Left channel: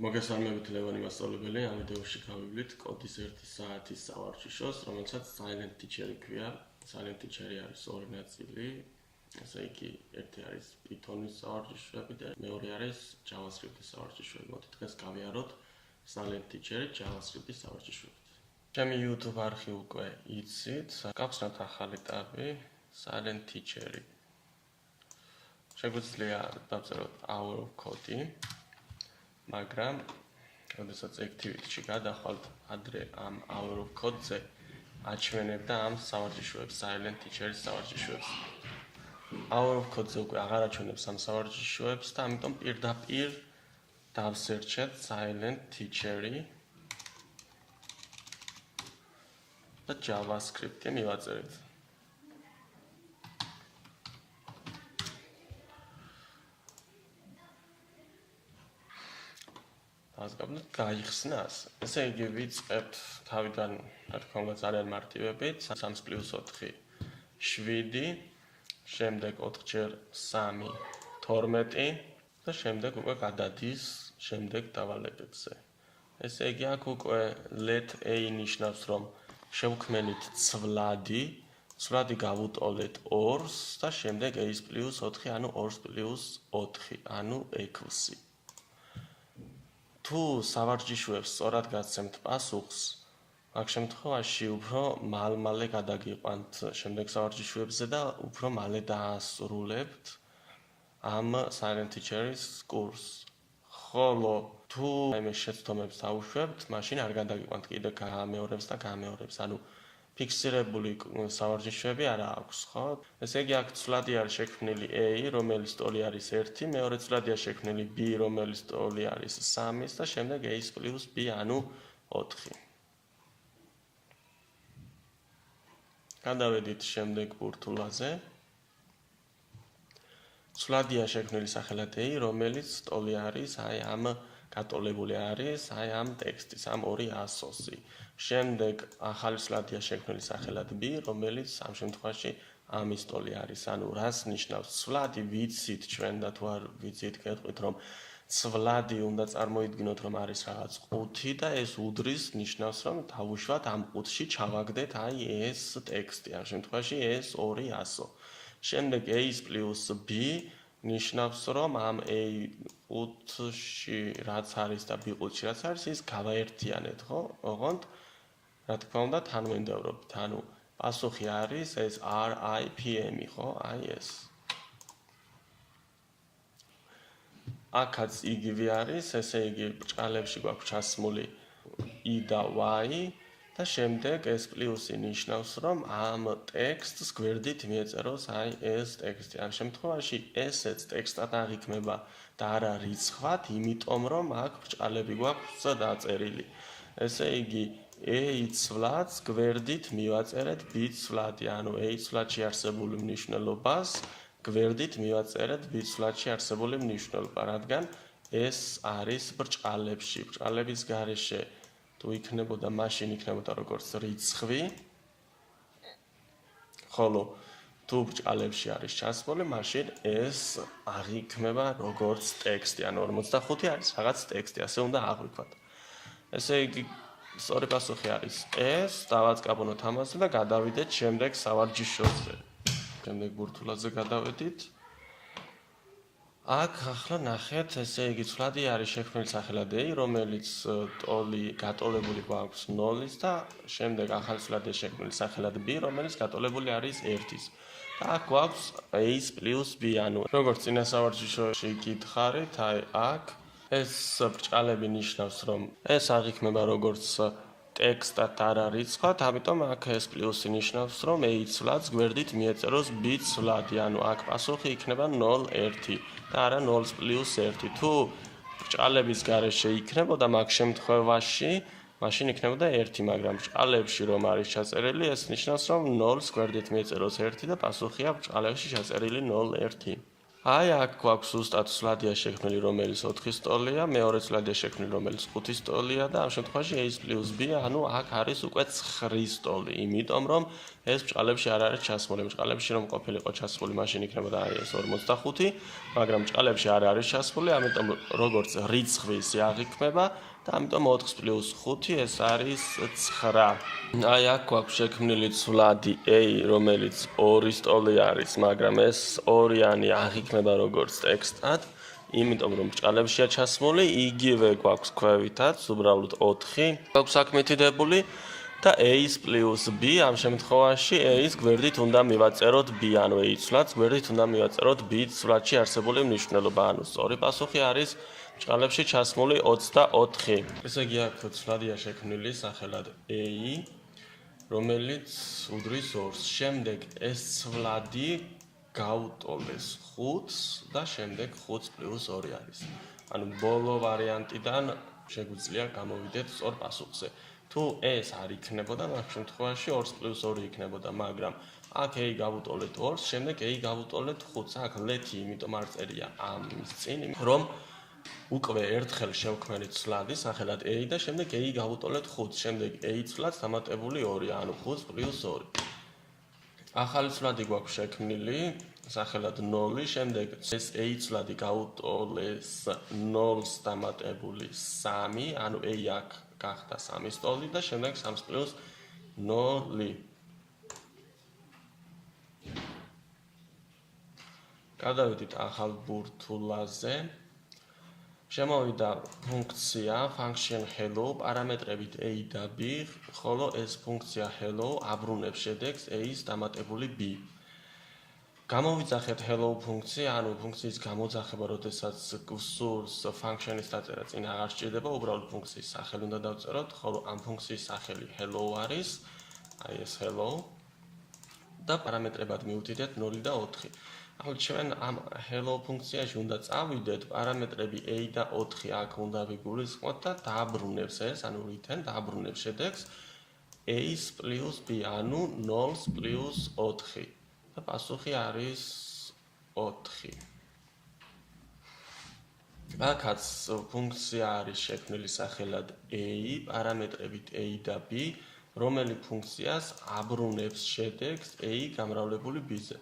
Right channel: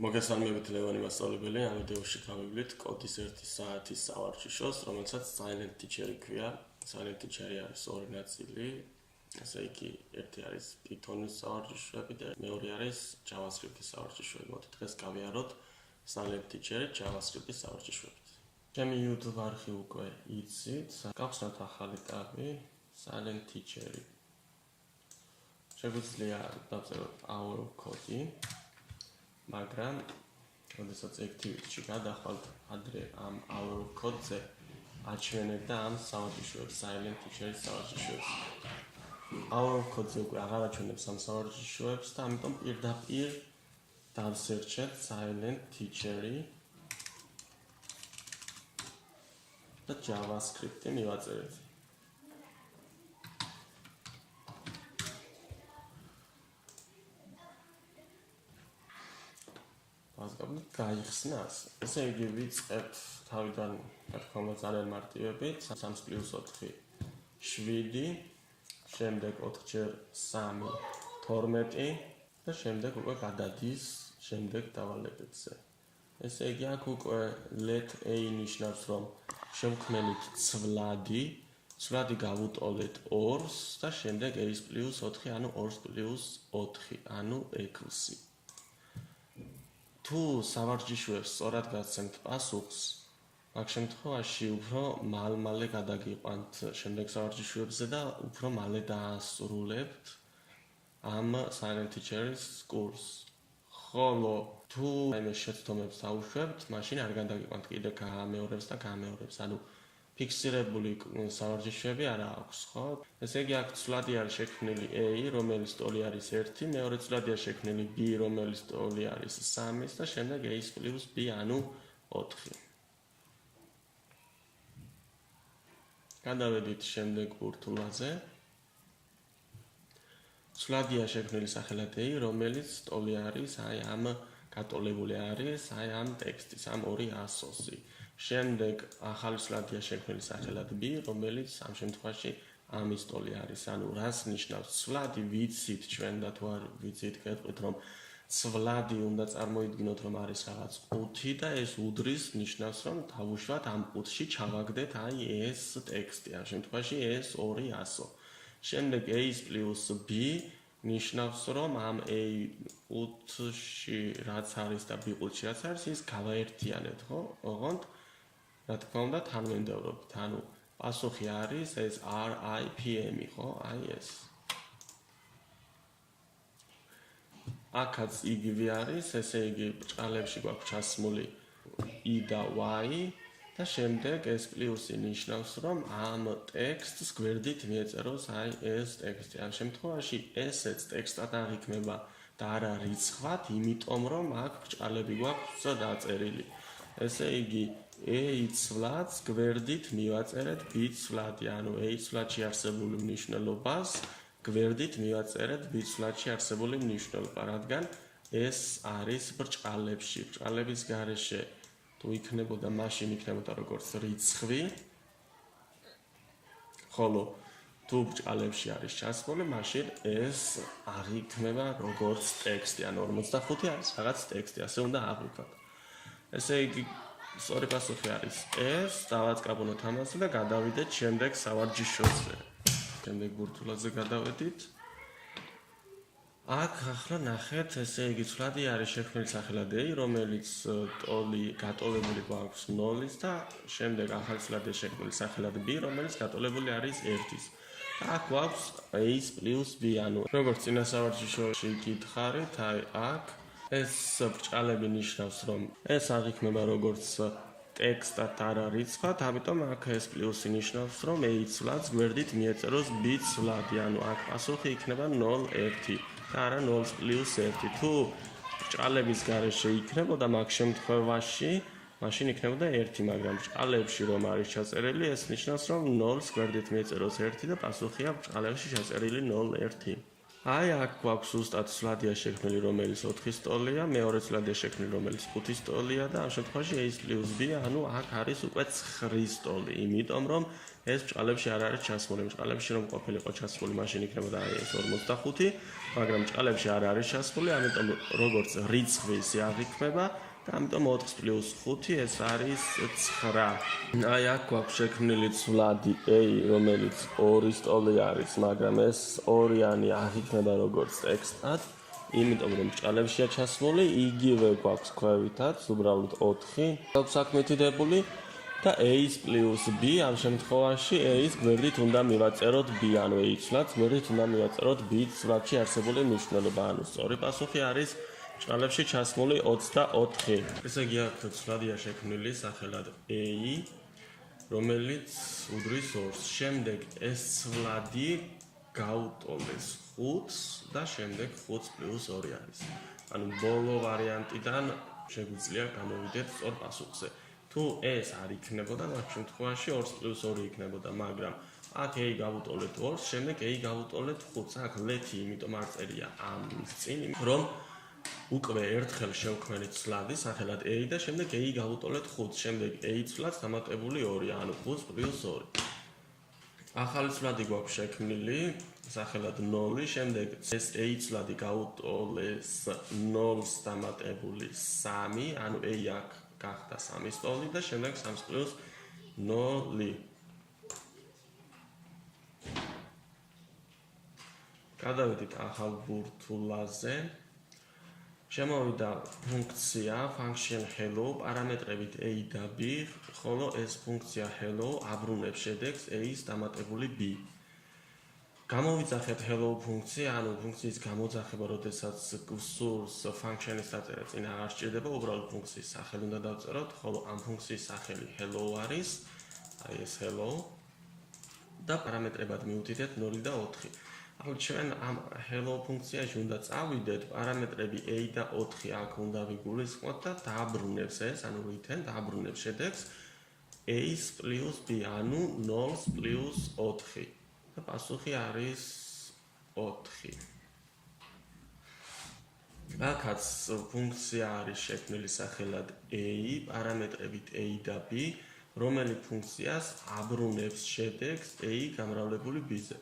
მოგესალმებით ლევანი მასწავლებელი, ამ ვიდეოში გავივლით კოდის 1 საათის სავარჯიშოს, რომელსაც silent teacher-ი ქვია. Silent teacher-ი არის ორი ნაწილი, ასე იგი, ერთი არის Python-ის სავარჯიშოები და მეორე არის JavaScript-ის სავარჯიშოები. მოდით დღეს გავიაროთ silent teacher-ი JavaScript-ის სავარჯიშოებით. ჩემი YouTube არხი უკვე იცით, გავხსნათ ახალი ტაბი, silent teacher-ი. შეგვიძლია დავწეროთ our code-ი. მაგრამ როდესაც activity-ში გადახვალთ ადრე ამ our code-ზე აჩვენებდა ამ სავარჯიშოებს, silent teacher-ის სავარჯიშოებს. our code-ზე უკვე აღარ აჩვენებს ამ სავარჯიშოებს და ამიტომ პირდაპირ დავსერჩეთ silent teacher-ი და JavaScript-ი მივაწერეთ. გაიხსნას. ესე იგი ვიწყებთ თავიდან, რა თქმა უნდა, ძალიან მარტივებით, 3 + 4 7, შემდეგ 4 × 3 12 და შემდეგ უკვე გადადის შემდეგ დავალებებზე. ესე იგი აქ უკვე let a ნიშნავს, რომ შევქმნით ცვლადი გავუტოლეთ 2-ს და შემდეგ a + 4, ანუ 2 + 4, ანუ 6. თუ სავარჯიშოებს სწორად გაცემთ პასუხს, მაგ შემთხვევაში უფრო მალე გადაგიყვანთ შემდეგ სავარჯიშოებზე და უფრო მალე დაასრულებთ ამ silent teacher-ის კურსს. ხოლო თუ მე შეცდომებს დავუშვებთ, მაშინ არ გადაგიყვანთ კიდე გამეორებს, ანუ ფიქსირებული სავარჯიშოები არ აქვს, ხო? ესე იგი აქ ცვლადი არის შექმნილი a, რომელიც ტოლი არის 1, მეორე ცვლადია შექმნილი b, რომელიც ტოლი არის 3 და შემდეგ a + b, ანუ 4. გადავედით შემდეგ ბურთულაზე. ცვლადია შექმნილი სახელად a, რომელიც ტოლი არის ამ გატოლებული არის ამ ტექსტის, ამ ორი ასოსი. შემდეგ ახალი ცვლადია შექმნილი სახელად b, რომელიც ამ შემთხვევაში ამის ტოლი არის. ანუ რას ნიშნავს ცვლადი? ვიცით ჩვენ და თუ არ ვიცით, გეტყვით, რომ ცვლადი უნდა წარმოიდგინოთ, რომ არის რაღაც ყუთი და ეს უდრის ნიშნავს, რომ დავუშვათ ამ ყუთში ჩავაგდეთ ეს ტექსტი. ამ შემთხვევაში ეს ორი ასო. შემდეგ a + b ნიშნავს, რომ ამ a ყუთში რაც არის და b ყუთში რაც არის, ის გავაერთიანეთ, ხო? ოღონდ რა თქმა უნდა თანმიმდევრობით. ანუ პასუხი არის ეს RIPM, ხო? აი ეს. აქაც იგივე არის, ესე იგი ბრჭყალებში გვაქვს ჩასმული i და y და შემდეგ ეს პლუსი ნიშნავს, რომ ამ ტექსტს გვერდით მიეწეროს აი ეს ტექსტი. ამ შემთხვევაში ესეც ტექსტად აღიქმება და არა რიცხვად, იმიტომ რომ აქ ბრჭყალები გვაქვს დაწერილი. ესე იგი a ცვლადს გვერდით მივაწერეთ b ცვლადი, ანუ a ცვლადში არსებული მნიშვნელობას გვერდით მივაწერეთ b ცვლადში არსებული მნიშვნელობა, რადგან ეს არის ბრჭყალებში. ბრჭყალების გარეშე თუ იქნებოდა, მაშინ იქნებოდა როგორც რიცხვი, ხოლო თუ ბრჭყალებში არის ჩასმული, მაშინ ეს აღიქმება როგორც ტექსტი, ანუ 45 არის რაღაც ტექსტი, ასე უნდა აღვიქვათ. ესე იგი სწორი პასუხი არის ეს, დავაწყაბოთ ამაზე და გადავიდეთ შემდეგ სავარჯიშოზე. შემდეგ ბურთულაზე გადავედით. აქ ახლა ნახეთ, ესე იგი ცვლადი არის შექმნილი სახელად a, რომელიც ტოლი გატოლებული გვაქვს 0-ის და შემდეგ ახალი ცვლადია შექმნილი სახელად b, რომელიც გატოლებული არის 1-ის. და აქ გვაქვს a + b, ანუ როგორც წინა სავარჯიშოში გითხარით, აი აქ ეს ბრჭყალები ნიშნავს, რომ ეს აღიქმება როგორც ტექსტად არ არის რიცხვად, ამიტომ აქ ეს პლუსი ნიშნავს, რომ a ცვლადს გვერდით მიეწეროს b ცვლადი, ანუ აქ პასუხი იქნება 0 1 და არა 0 + 1. თუ ბრჭყალების გარეშე იქნებოდა მაგ შემთხვევაში, მაშინ იქნებოდა 1, მაგრამ ბრჭყალებში რომ არის ჩაწერილი, ეს ნიშნავს, რომ 0-ს გვერდით მიეწეროს 1 და პასუხია ბრჭყალებში ჩაწერილი 0 1. აი აქ გვაქვს ზუსტად ცვლადია შექმნილი, რომელიც 4-ის ტოლია, მეორე ცვლადია შექმნილი, რომელიც 5-ის ტოლია და ამ შემთხვევაში a + b, ანუ აქ არის უკვე 9-ის ტოლი, იმიტომ რომ ეს ბრჭყალებში არ არის ჩასმული. ბრჭყალებში რომ ყოფილიყო ჩასმული, მაშინ იქნებოდა ეს 45, მაგრამ ბრჭყალებში არ არის ჩასმული, ამიტომ როგორც რიცხვის აღიქმება და ამიტომ 4 + 5 ეს არის 9. აი აქ გვაქვს შექმნილი ცვლადი A, რომელიც 2 სტოლი არის, მაგრამ ეს 2-იანი აღიქმება როგორც ტექსტად, იმიტომ რომ ბრჭყალებშია ჩასმული, იგივე გვაქვს ქვევითაც, უბრალოდ 4 გვაქვს აქ მითითებული და A-ს + B ამ შემთხვევაში A-ს გვერდით უნდა მივაწეროთ B, ანუ A ცვლად გვერდით უნდა მივაწეროთ B ცვლადში არსებული მნიშვნელობა, ანუ სწორი პასუხი არის ბრჭყალებში ჩასმული 24. ესე იგი აქ ცვლადია შექმნილი სახელად A, რომელიც უდრის 2-ს. შემდეგ ეს ცვლადი გაუტოლეს 5-ს და შემდეგ 5 + 2 არის. ანუ ბოლო ვარიანტიდან შეგვიძლია გამოვიდეთ სწორ პასუხზე. თუ ეს არ იქნებოდა, მაგ შემთხვევაში 2 + 2 იქნებოდა, მაგრამ აქ A გავუტოლეთ 2-ს, შემდეგ A გავუტოლეთ 5-ს. აქ ლეთი იმიტომ არ წერია ამის წინ, რომ უკვე ერთხელ შევქმნით ცვლადი სახელად A და შემდეგ A გავუტოლეთ 5-ს, შემდეგ A ცვლად დამატებული 2, ანუ 5 + 2. ახალი ცვლადი გვაქვს შექმნილი სახელად 0, შემდეგ ეს A ცვლადი გაუტოლეს 0-ს დამატებული 3, ანუ A აქ გახდა 3 სტოლი და შემდეგ 3 + 0. გადავიდეთ ახალ ბურთულაზე. შემოვიდა ფუნქცია function hello პარამეტრებით A და B, ხოლო ეს ფუნქცია hello აბრუნებს შედეგს A-ს დამატებული B. გამოვიძახეთ hello ფუნქცია, ანუ ფუნქციის გამოძახება, როდესაც გსურს function-ის დაწერა წინ აღარ სჭირდება, უბრალოდ ფუნქციის სახელი უნდა დავწეროთ, ხოლო ამ ფუნქციის სახელი hello არის, აი ეს hello და პარამეტრებად მივუთითეთ 0 და 4. ახლა ჩვენ ამ hello ფუნქციაში უნდა წავიდეთ, პარამეტრები A და 4 აქ უნდა ვიგულისხმოთ და დააბრუნებს ეს, ანუ return დააბრუნებს შედეგს A-ს + B, ანუ 0-ს + 4. და პასუხი არის 4. აქაც ფუნქცია არის შექმნილი სახელად A, პარამეტრებით A და B, რომელიც ფუნქციას აბრუნებს შედეგს A გამრავლებული B-ზე.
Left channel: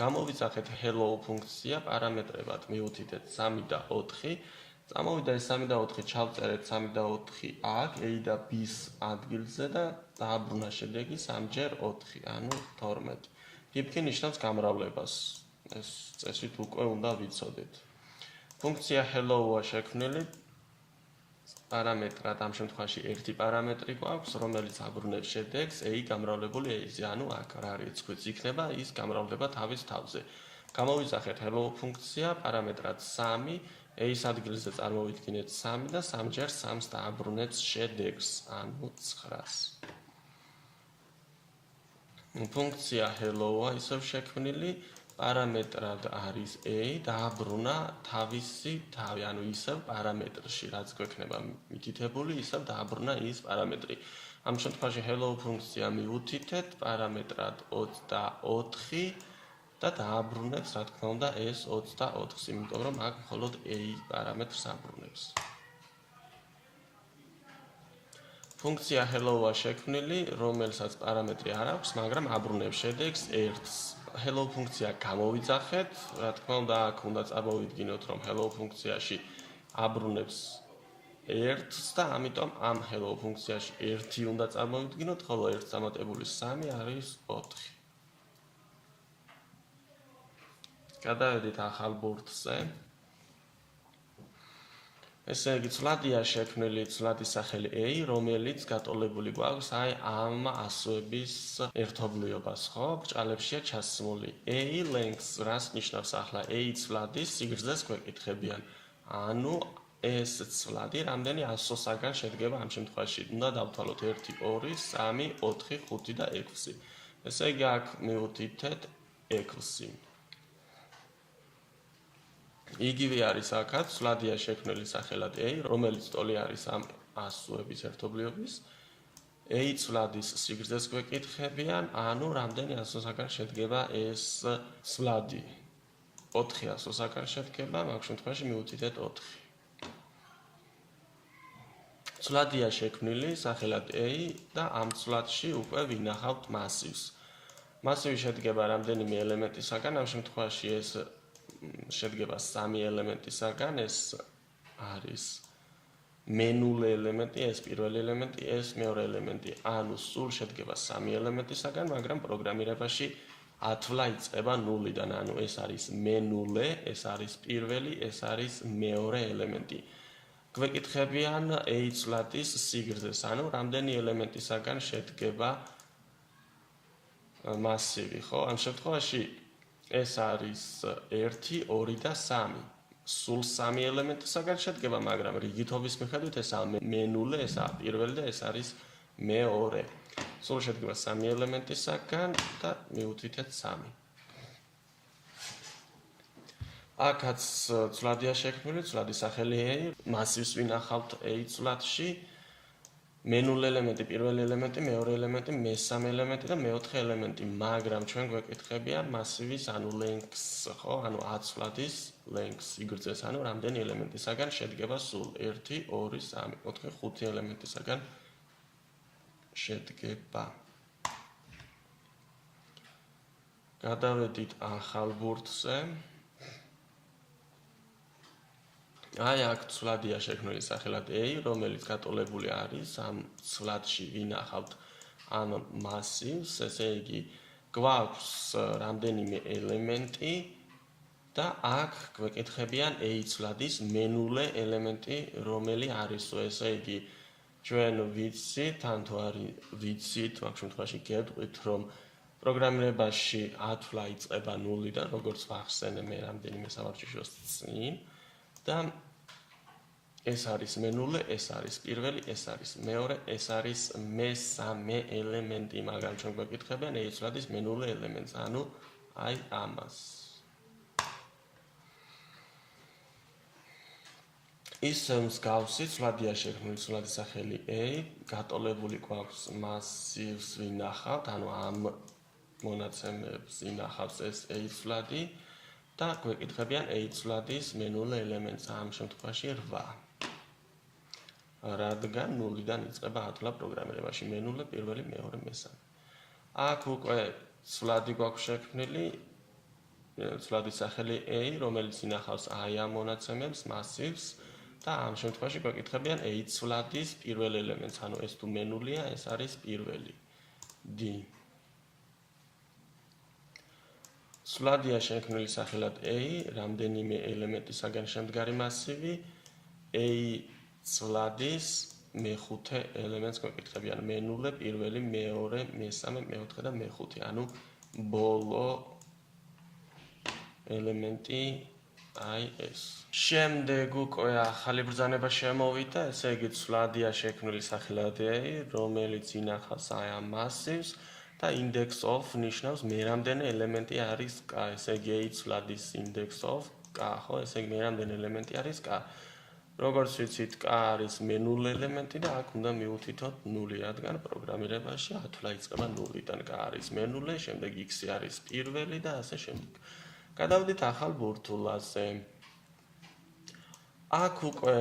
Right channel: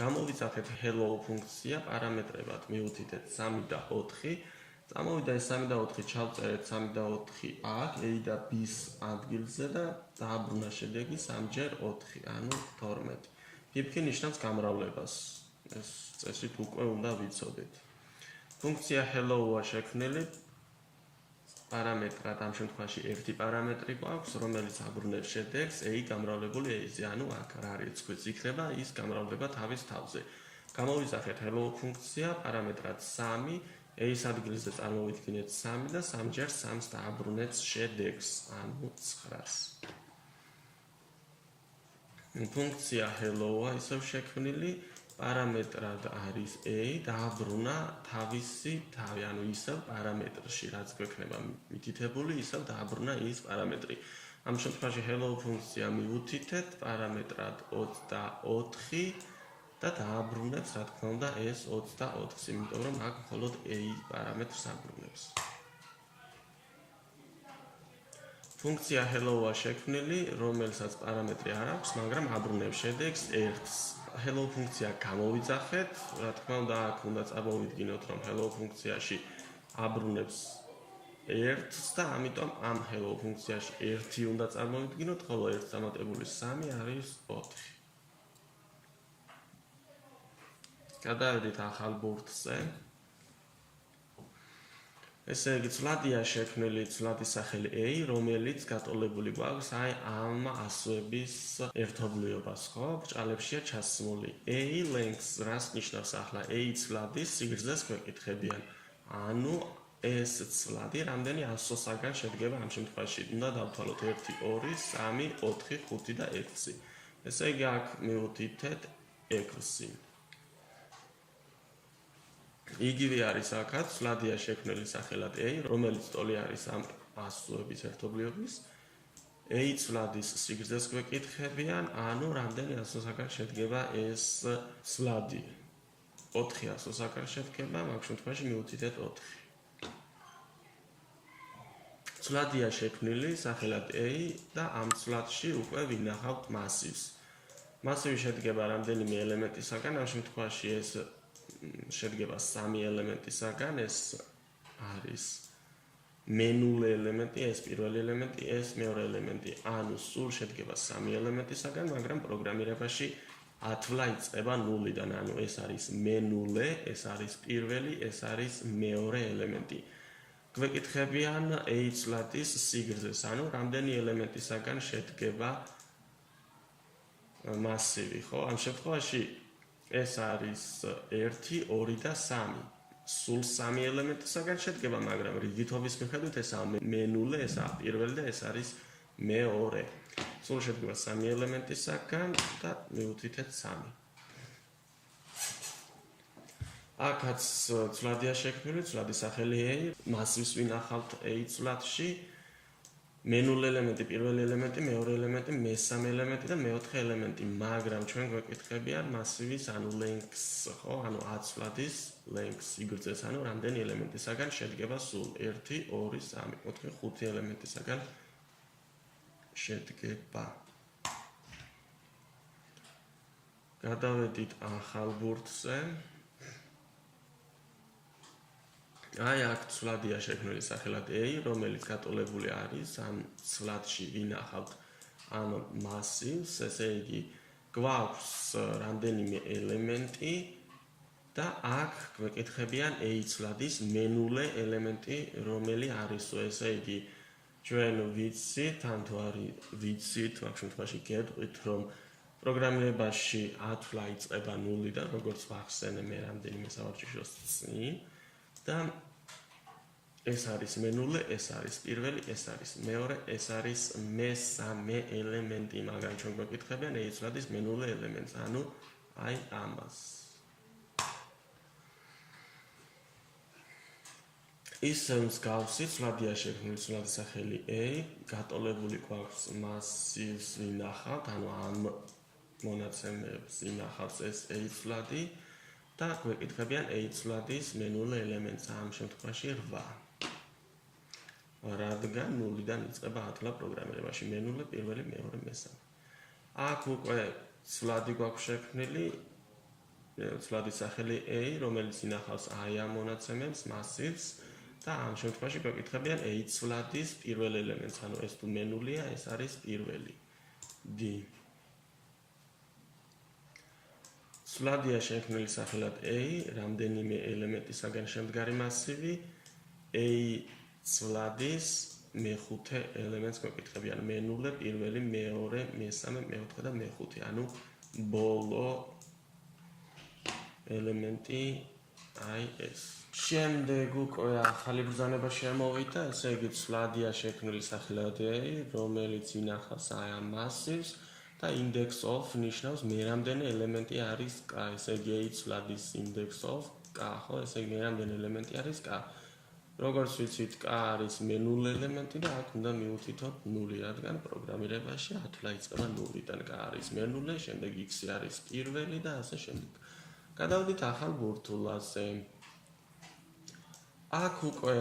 გამოვიძახეთ hello ფუნქცია პარამეტრებად მივუთითეთ 3 და 4. წამოვიდა ეს 3 და 4, ჩავწერეთ 3 და 4 აქ A და B-ს ადგილზე და დააბრუნა შედეგი 3 × 4, ანუ 12. გიფქი ნიშნავს გამრავლებას. ეს წესით უკვე უნდა ვიცოდეთ. ფუნქცია hello-ა შექმნილი პარამეტრად, ამ შემთხვევაში ერთი პარამეტრი გვაქვს, რომელიც აბრუნებს შედეგს A გამრავლებული A-ზე, ანუ აქ რა რიცხვიც იქნება, ის გამრავლდება თავის თავზე. გამოვიძახეთ hello ფუნქცია პარამეტრად 3, A-ს ადგილზე წარმოვიდგინეთ 3 და 3 ჯერ 3-ს დააბრუნეთ შედეგს, ანუ 9-ს. ფუნქცია hello-ა ისევ შექმნილი პარამეტრად არის A, დააბრუნა თავისი თავი, ანუ ისევ პარამეტრში, რაც გვექნება მითითებული, ისევ დააბრუნა ის პარამეტრი. ამ შემთხვევაში hello ფუნქცია მივუთითეთ პარამეტრად 24 და დააბრუნებს, რა თქმა უნდა, ეს 24-ს, იმიტომ რომ აქ მხოლოდ A პარამეტრს აბრუნებს. ფუნქცია hello-ა შექმნილი, რომელსაც პარამეტრი არ აქვს, მაგრამ აბრუნებს შედეგს 1-ს. hello ფუნქცია გამოვიძახეთ, რა თქმა უნდა, აქ უნდა წარმოვიდგინოთ, რომ hello ფუნქციაში აბრუნებს 1-ს და ამიტომ ამ hello ფუნქციაში 1 უნდა წარმოვიდგინოთ, ხოლო 1 დამატებული 3 არის 4. გადავედით ახალ ბურთზე. ესე იგი, ცვლადია შექმნილი ცვლადის სახელი A, რომელიც გატოლებული გვაქვს აი ამ ასოების ერთობლიობას, ხო? ბრჭყალებშია ჩასმული. A length რას ნიშნავს ახლა? A ცვლადის სიგრძეს გვეკითხებიან. ანუ ეს ცვლადი რამდენი ასოსაგან შედგება ამ შემთხვევაში? უნდა დავთვალოთ 1, 2, 3, 4, 5 და 6. ესე იგი, აქ მივუთითეთ 6. იგივე არის აქაც ცვლადია შექმნილი სახელად A, რომელიც ტოლი არის ამ ასოების ერთობლიობის. A ცვლადის სიგრძეს გვეკითხებიან, ანუ რამდენი ასოსაგან შედგება ეს ცვლადი? 4 ასოსაგან შედგება, მაგ შემთხვევაში მივუთითეთ 4. ცვლადია შექმნილი სახელად A და ამ ცვლადში უკვე ვინახავთ მასივს. მასივი შედგება რამდენიმე ელემენტისაგან, ამ შემთხვევაში ეს შედგება 3 ელემენტისაგან, ეს არის მენულე ელემენტი, ეს პირველი ელემენტი, ეს მეორე ელემენტი. ანუ სულ შედგება 3 ელემენტისაგან, მაგრამ პროგრამირებაში ათვლა იწყება ნულიდან, ანუ ეს არის მენულე, ეს არის პირველი, ეს არის მეორე ელემენტი. გვეკითხებიან a-ის სიგრძეს, ანუ რამდენი ელემენტისაგან შედგება მასივი, ხო? ამ შემთხვევაში ეს არის 1, 2 და 3. სულ 3 ელემენტისაგან შედგება, მაგრამ რიგითობის მიხედვით ესაა მენულე, ესაა პირველი და ეს არის მეორე. სულ შედგება 3 ელემენტისაგან და მივუთითეთ 3. აქაც ცვლადია შექმნილი, ცვლადის სახელი a, მასივს ვინახავთ a ცვლადში. მენულე ელემენტი, პირველი ელემენტი, მეორე ელემენტი, მესამე ელემენტი და მეოთხე ელემენტი, მაგრამ ჩვენ გვეკითხებიან მასივის, ანუ length, ხო? ანუ აცვლადის length, სიგრძეს, ანუ რამდენი ელემენტისაგან შედგება სულ 1, 2, 3, 4, 5 ელემენტისაგან შედგება. გადავედით ახალ ბურთზე. აი აქ ცვლადია შექმნილი სახელად a, რომელიც გატოლებული არის ამ ცვლადში ვინახავთ ამ მასივს, ესე იგი გვაქვს რამდენიმე ელემენტი და აქ გვეკითხებიან a ცვლადის მენულე ელემენტი, რომელი არისო, ესე იგი ჩვენ ვიცით, ან თუ არ ვიცით, მაგ შემთხვევაში გეტყვით, რომ პროგრამირებაში ათვლა იწყება ნულიდან, როგორც ვახსენე მე რამდენიმე სამარჯიშოს წინ. და ეს არის მენულე, ეს არის პირველი, ეს არის მეორე, ეს არის მესამე ელემენტი, მაგრამ ჩვენ გვეკითხებიან a ცვლადის მენულე ელემენტს, ანუ აი ამას. ისევ მსგავსი ცვლადია შექმნილი, ცვლადის სახელი a, გატოლებული გვაქვს მასივს ვინახავთ, ანუ ამ მონაცემებს ვინახავს ეს a ცვლადი. და გვეკითხებიან a ცვლადის მენულე ელემენტს, ამ შემთხვევაში 8. რადგან ნულიდან იწყება ათვლა პროგრამირებაში, მენულე, პირველი, მეორე, მესამე. აქ უკვე ცვლადი გვაქვს შექმნილი, ცვლადის სახელი a, რომელიც ინახავს აი ამ მონაცემებს, მასივს და ამ შემთხვევაში გვეკითხებიან a ცვლადის პირველ ელემენტს, ანუ ეს თუ მენულია, ეს არის პირველი. d. ცვლადია შექმნილი სახელად a, რამდენიმე ელემენტისაგან შემდგარი მასივი, a ცვლადის მეხუთე ელემენტს გვეკითხებიან, მენულე, პირველი, მეორე, მესამე, მეოთხე და მეხუთე, ანუ ბოლო ელემენტი აი ეს. შემდეგ უკვე ახალი ბრძანება შემოვიდა, ესე იგი ცვლადია შექმნილი სახელად a, რომელიც ინახავს აი ამ მასივს. და index of ნიშნავს მე რამდენი ელემენტი არის k, ესე იგი a ცვლადის index of k, ხო, ესე იგი მე რამდენი ელემენტი არის k. როგორც ვიცით, k არის მენულე ელემენტი და აქ უნდა მივუთითოთ 0, რადგან პროგრამირებაში ათვლა იწყება ნულიდან, k არის მენულე, შემდეგ x არის პირველი და ასე შემდეგ. გადავდით ახალ ბურთულაზე. აქ უკვე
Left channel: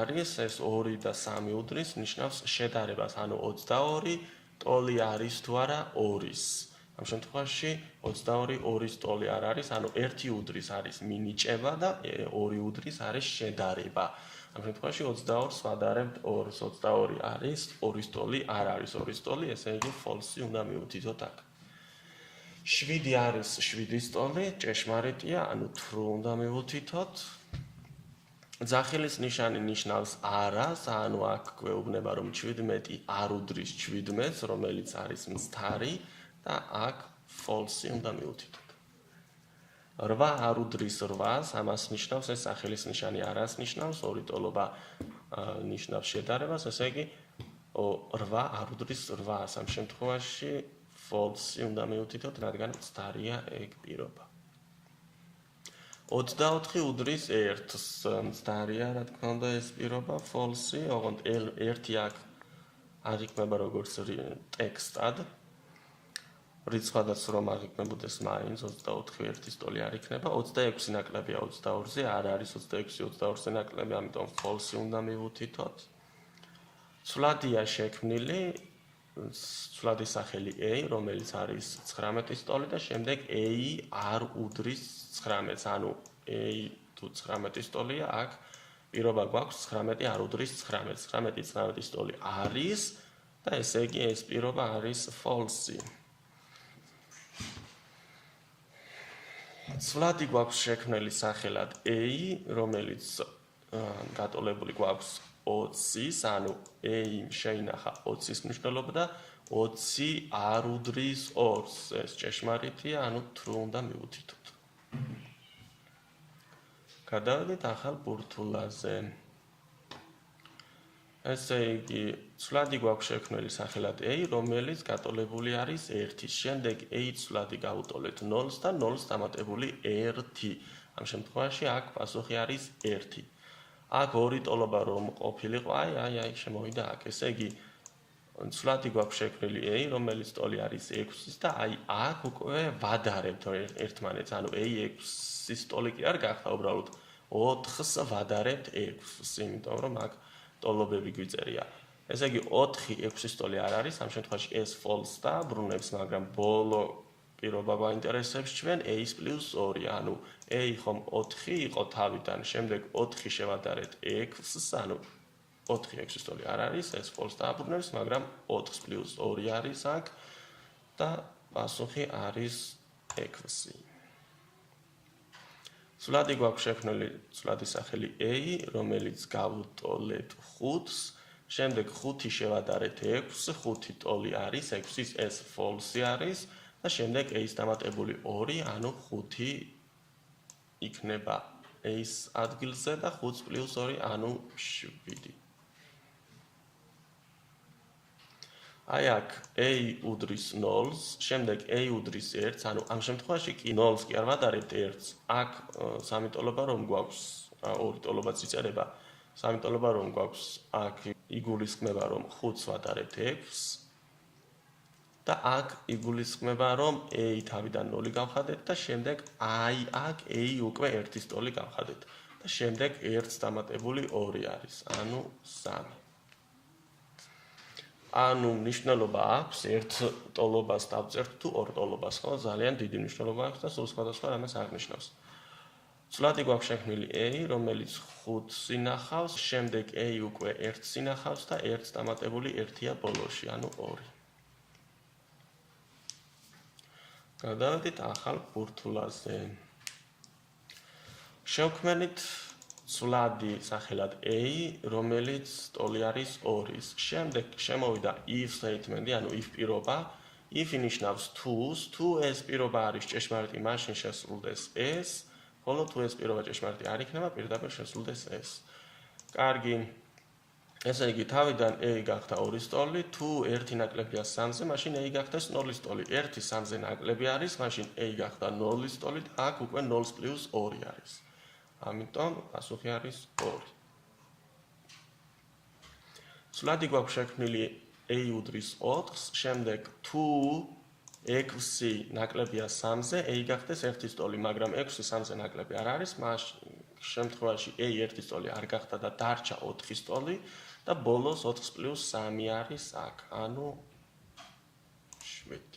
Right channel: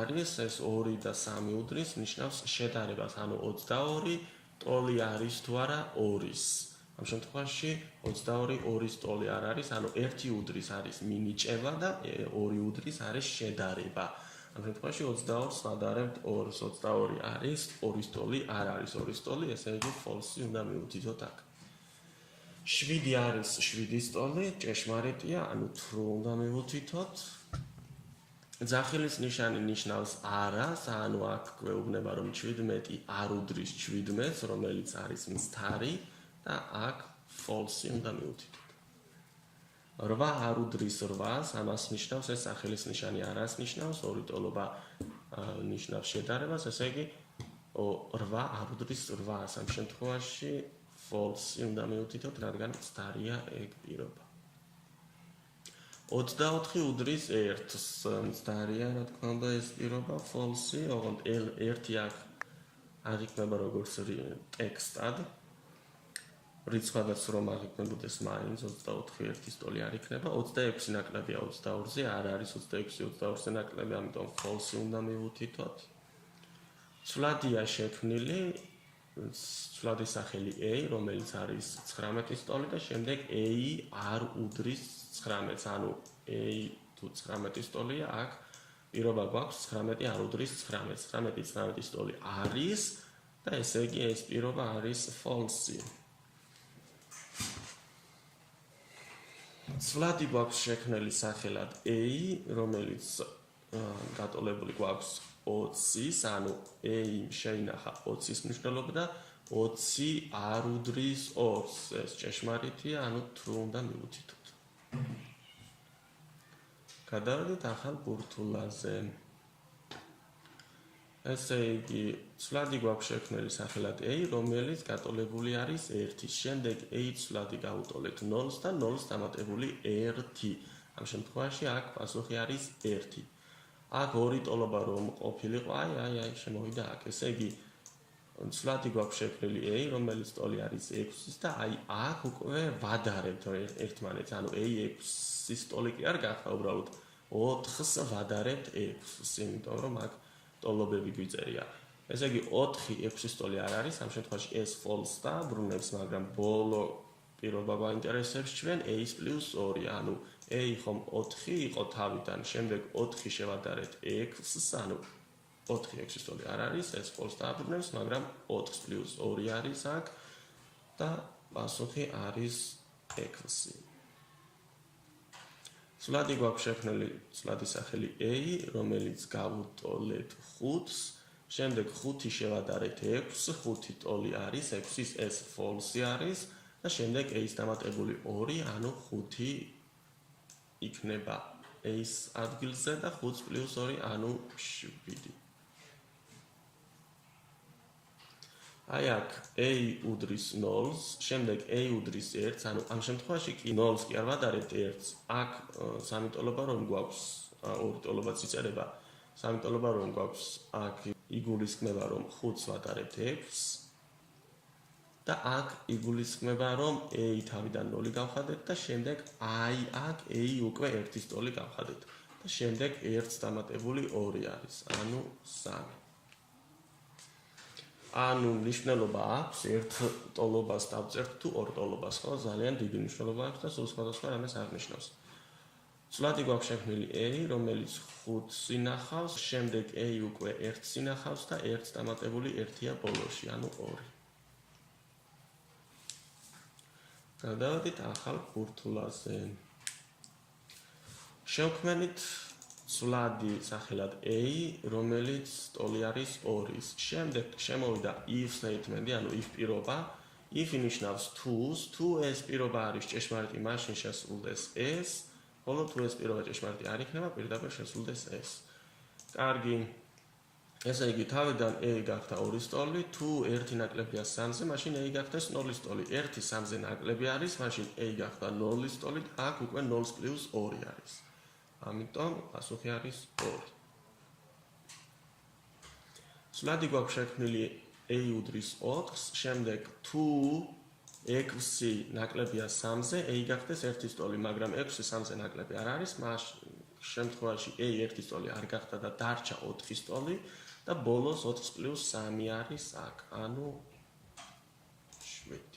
არის ეს 2 და 3 უდრის, ნიშნავს შედარებას, ანუ 22 ტოლი არის თუ არა 2-ის. ამ შემთხვევაში 22 2-ის ტოლი არ არის, ანუ 1 უდრის არის მინიჭება და 2 უდრის არის შედარება. ამ შემთხვევაში 22-ს ვადარებთ 2-ს, 22 არის, 2-ის ტოლი არ არის 2-ის ტოლი, ესე იგი false უნდა მივუთითოთ აქ. 7 არის 7-ის ტოლი, ჭეშმარიტია, ანუ true უნდა მივუთითოთ. ძახილის ნიშანი ნიშნავს არას, ანუ აქ გვეუბნება რომ 17 არ უდრის 17-ს, რომელიც არის მცდარი და აქ false უნდა მივუთითოთ. 8 არ უდრის 8-ს, ამას ნიშნავს ეს ძახილის ნიშანი არას ნიშნავს, ორი ტოლობა ნიშნავს შედარებას, ესე იგი 8 არ უდრის 8-ს, ამ შემთხვევაში false უნდა მივუთითოთ, რადგან მცდარია ეგ პირობა. 24 უდრის 1-ს, მცდარია, რა თქმა უნდა, ეს პირობა false, ოღონდ 1 აქ არ იქნება როგორც ტექსტად. რიცხვადაც რომ არ იქნებოდეს მაინც 24 1-ის ტოლი არ იქნება, 26 ნაკლებია 22-ზე, არ არის 26 22-ზე ნაკლები, ამიტომ false უნდა მივუთითოთ. ცვლადია შექმნილი ცვლადის სახელი A, რომელიც არის 19 სტოლი და შემდეგ A არ უდრის 19-ს, ანუ A თუ 19 სტოლია, აქ პირობა გვაქვს 19 არ უდრის 19-ს. 19 სტოლი არის და ესე იგი ეს პირობა არის false. ცვლადი გვაქვს შექმნილი სახელად A, რომელიც გატოლებული გვაქვს 20-ის, ანუ A შეინახა 20-ის მნიშვნელობა და 20 არ უდრის 2-ს. ეს ჭეშმარიტია, ანუ true უნდა მივუთითოთ. გადავიდეთ ახალ ბურთულაზე. ესე იგი, ცვლადი გვაქვს შექმნილი სახელად A, რომელიც გატოლებული არის 1-ის. შემდეგ A ცვლადი გავუტოლეთ 0-ს და 0-ს დამატებული 1. ამ შემთხვევაში აქ პასუხი არის 1. აქ ორი ტოლობა რომ ყოფილიყო, აი, შემოვიდა აქ. ესე იგი, ცვლადი გვაქვს შექმნილი A, რომელიც ტოლი არის 6-ის და აი აქ უკვე ვადარებთ ერთმანეთს, ანუ A 6-ის ტოლი კი არ გახდა, უბრალოდ 4-ს ვადარებთ 6-ს, იმიტომ რომ აქ ტოლობები გვიწერია. ესე იგი 4 6-ის ტოლი არ არის, ამ შემთხვევაში ეს false და ბრუნებს, მაგრამ ბოლო პირობა გვაინტერესებს ჩვენ A-ს + 2, ანუ A ხომ 4 იყო თავიდან, შემდეგ 4 შევადარეთ 6-ს, ანუ 4 6-ის ტოლი არ არის, ეს false დააბრუნებს, მაგრამ 4 + 2 არის აქ და პასუხი არის 6. ცვლადი გვაქვს შექმნილი ცვლადის სახელი A, რომელიც გავუტოლეთ 5-ს, შემდეგ 5 შევადარეთ 6-ს, 5 ტოლი არის, 6-ის ეს false არის და შემდეგ A-ს დამატებული 2, ანუ 5 იქნება A-ს ადგილზე და 5 + 2, ანუ 7. აი აქ A უდრის 0-ს, შემდეგ A უდრის 1-ს, ანუ ამ შემთხვევაში კი 0-ს კი არ ვადარებთ 1-ს. აქ სამი ტოლობა რომ გვაქვს, ორი ტოლობაც იწერება, სამი ტოლობა რომ გვაქვს, აქ იგულისხმება რომ 5-ს ვადარებთ 6-ს და აქ იგულისხმება რომ A თავიდან 0 გავხადეთ და შემდეგ აი აქ A უკვე 1-ის ტოლი გავხადეთ და შემდეგ 1-ს დამატებული 2 არის, ანუ 3. ანუ მნიშვნელობა აქვს ერთ ტოლობას დავწერთ თუ ორ ტოლობას, ხო? ძალიან დიდი მნიშვნელობა აქვს და სულ სხვადასხვა რამეს აღნიშნავს. ცვლადი გვაქვს შექმნილი A, რომელიც 5-ს ინახავს, შემდეგ A უკვე 1-ს ინახავს და 1-ს დამატებული 1-ია ბოლოში, ანუ 2. გადავიდეთ ახალ ბურთულაზე. შევქმნით ცვლადი სახელად A, რომელიც ტოლი არის 2-ის. შემდეგ შემოვიდა if statement-ი, ანუ if პირობა. if ინიშნავს თუ-ს, თუ ეს პირობა არის ჭეშმარიტი, მაშინ შესრულდეს ეს, ხოლო თუ ეს პირობა ჭეშმარიტი არ იქნება, პირდაპირ შესრულდეს ეს. კარგი. ესე იგი, თავიდან A გახდა 2-ის ტოლი, თუ 1 ნაკლებია 3-ზე, მაშინ A გახდეს 0-ის ტოლი. 1 3-ზე ნაკლები არის, მაშინ A გახდა 0-ის ტოლი და აქ უკვე 0 + 2 არის. ამიტომ პასუხი არის 2. ცვლადი გვაქვს შექმნილი A უდრის 4-ს, შემდეგ თუ 6 ნაკლებია 3-ზე, A გახდეს 1-ის ტოლი, მაგრამ 6 3-ზე ნაკლები არ არის, მას შემთხვევაში A 1-ის ტოლი არ გახდა და დარჩა 4-ის ტოლი და ბოლოს 4 + 3 არის აქ, ანუ 7.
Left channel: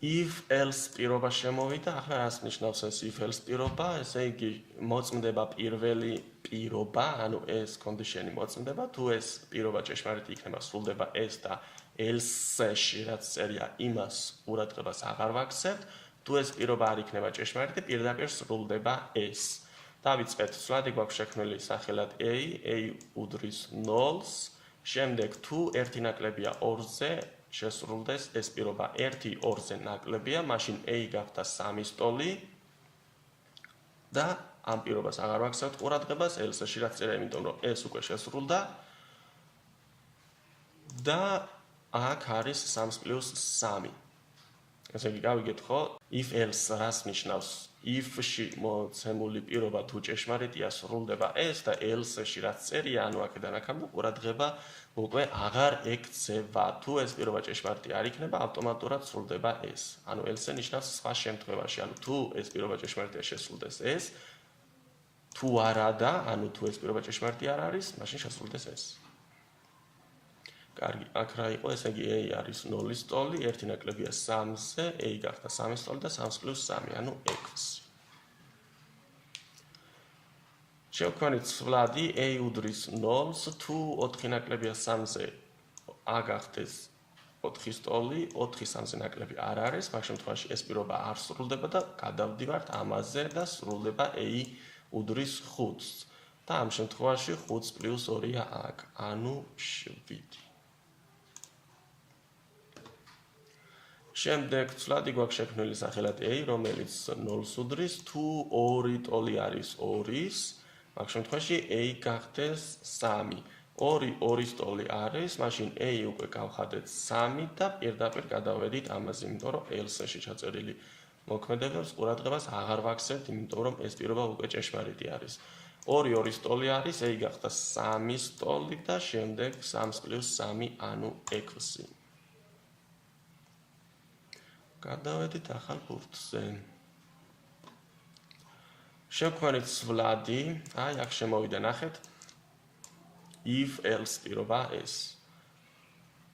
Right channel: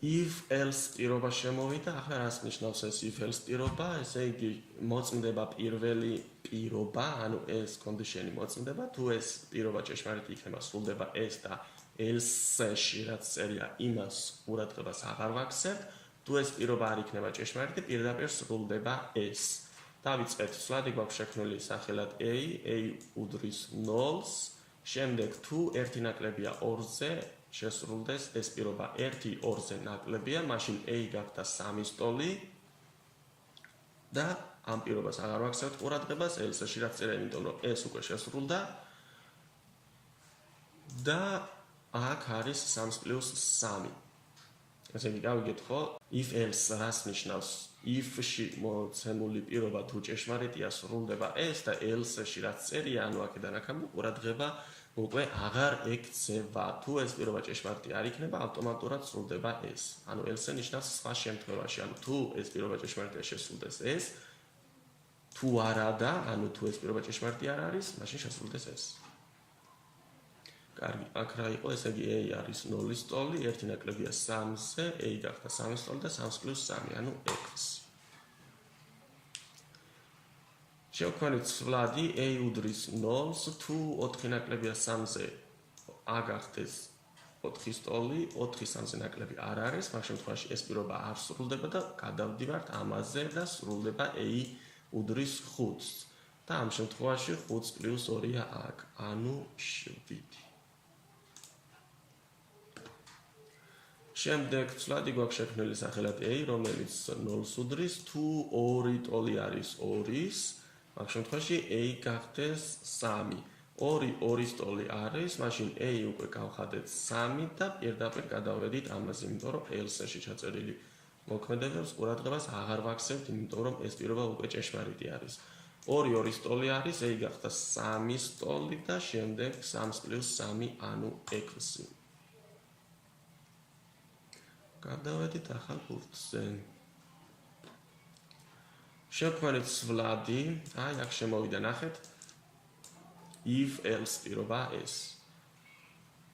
if else პირობა შემოვიდა, ახლა რას ნიშნავს ეს if else პირობა? ესე იგი, მოწმდება პირველი პირობა, ანუ ეს კონდიშენი მოწმდება, თუ ეს პირობა ჭეშმარიტი იქნება, სრულდება ეს და else-ში რაც წერია, იმას ყურადღებას აღარ ვაქცევთ, თუ ეს პირობა არ იქნება ჭეშმარიტი, პირდაპირ სრულდება ეს. დავიწყეთ, ცვლადი გვაქვს შექმნილი სახელად A, A უდრის 0-ს, შემდეგ თუ 1 ნაკლებია 2-ზე, შესრულდეს ეს პირობა 1 2-ზე ნაკლებია, მაშინ A გახდა 3-ის ტოლი და ამ პირობას აღარ ვაქცევთ ყურადღებას, else-ში რაც წერია, იმიტომ რომ ეს უკვე შესრულდა და აქ არის 3 + 3. ესე იგი, გავიგეთ ხო? if else რას ნიშნავს? if-ში მოცემული პირობა თუ ჭეშმარიტია, სრულდება ეს და else-ში რაც წერია, ანუ აქედან აქამდე ყურადღება უკვე აღარ ექცევა. თუ ეს პირობა ჭეშმარიტი არ იქნება, ავტომატურად სრულდება ეს. ანუ else ნიშნავს სხვა შემთხვევაში, ანუ თუ ეს პირობა ჭეშმარიტია, შესრულდეს ეს. თუ არა და, ანუ თუ ეს პირობა ჭეშმარიტი არ არის, მაშინ შესრულდეს ეს. კარგი, აქ რა იყო, ესე იგი a არის 0-ის ტოლი, 1 ნაკლებია 3-ზე, a გახდა 3-ის ტოლი და 3 + 3, ანუ 6. შევქმნით ცვლადი a უდრის 0-ს, თუ 4 ნაკლებია 3-ზე a გახდეს 4-ის ტოლი, 4 3-ზე ნაკლები არ არის, მაგ შემთხვევაში ეს პირობა არ სრულდება და გადავდივართ ამაზე და სრულდება a უდრის 5-ს. და ამ შემთხვევაში 5 + 2-ია აქ, ანუ 7. შემდეგ ცვლადი გვაქვს შექმნილი სახელად a, რომელიც 0-ს უდრის, თუ 2 ტოლი არის 2-ის, მაგ შემთხვევაში a გახდეს 3. 2 2-ის ტოლი არის, მაშინ a უკვე გავხადეთ 3 და პირდაპირ გადავედით ამაზე, იმიტომ რომ else-ში ჩაწერილი მოქმედებებს ყურადღებას აღარ ვაქცევთ, იმიტომ რომ ეს პირობა უკვე ჭეშმარიტი არის. 2 2-ის ტოლი არის, a გახდა 3-ის ტოლი და შემდეგ 3 + 3, ანუ 6. გადავედით ახალ ბურთზე. შევქმნით ცვლადი, აი აქ შემოვიდა ნახეთ. if else პირობა ეს.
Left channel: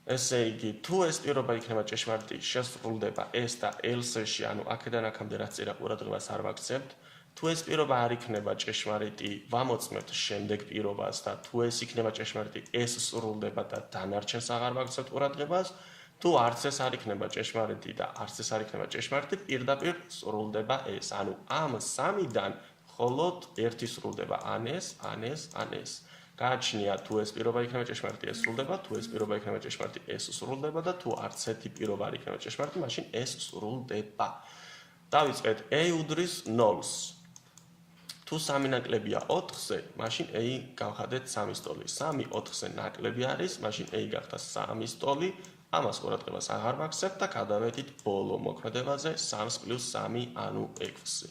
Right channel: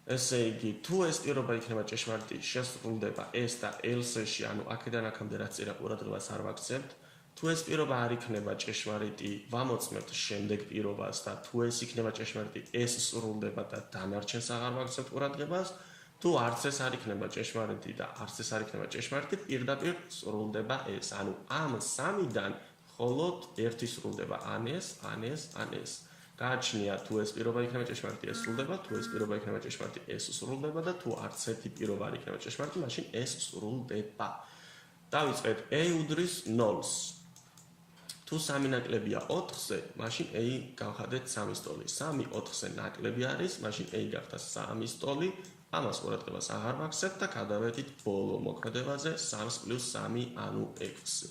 ესე იგი, თუ ეს პირობა იქნება ჭეშმარიტი, შესრულდება ეს და else-ში, ანუ აქედან აქამდე რაც წერა ყურადღებას არ ვაქცევთ. თუ ეს პირობა არ იქნება ჭეშმარიტი, ვამოწმებთ შემდეგ პირობას და თუ ეს იქნება ჭეშმარიტი, ეს სრულდება და დანარჩენს აღარ ვაქცევთ ყურადღებას. თუ არც ეს არ იქნება ჭეშმარიტი და არც ეს არ იქნება ჭეშმარიტი, პირდაპირ სრულდება ეს. ანუ ამ 3-დან მხოლოდ ერთი სრულდება, ან ეს, ან ეს, ან ეს. გააჩნია თუ ეს პირობა იქნება ჭეშმარიტი, ეს სრულდება, თუ ეს პირობა იქნება ჭეშმარიტი, ეს სრულდება და თუ არც ერთი პირობა არ იქნება ჭეშმარიტი, მაშინ ეს სრულდება. დავიწყეთ a უდრის 0-ს. თუ 3 ნაკლებია 4-ზე, მაშინ a გავხადეთ 3-ის ტოლი. 3 4-ზე ნაკლები არის, მაშინ a გახდა 3-ის ტოლი. ამას ყურადღებას აღარ ვაქცევთ და გადავედით ბოლო მოქმედებაზე 3 + 3, ანუ 6.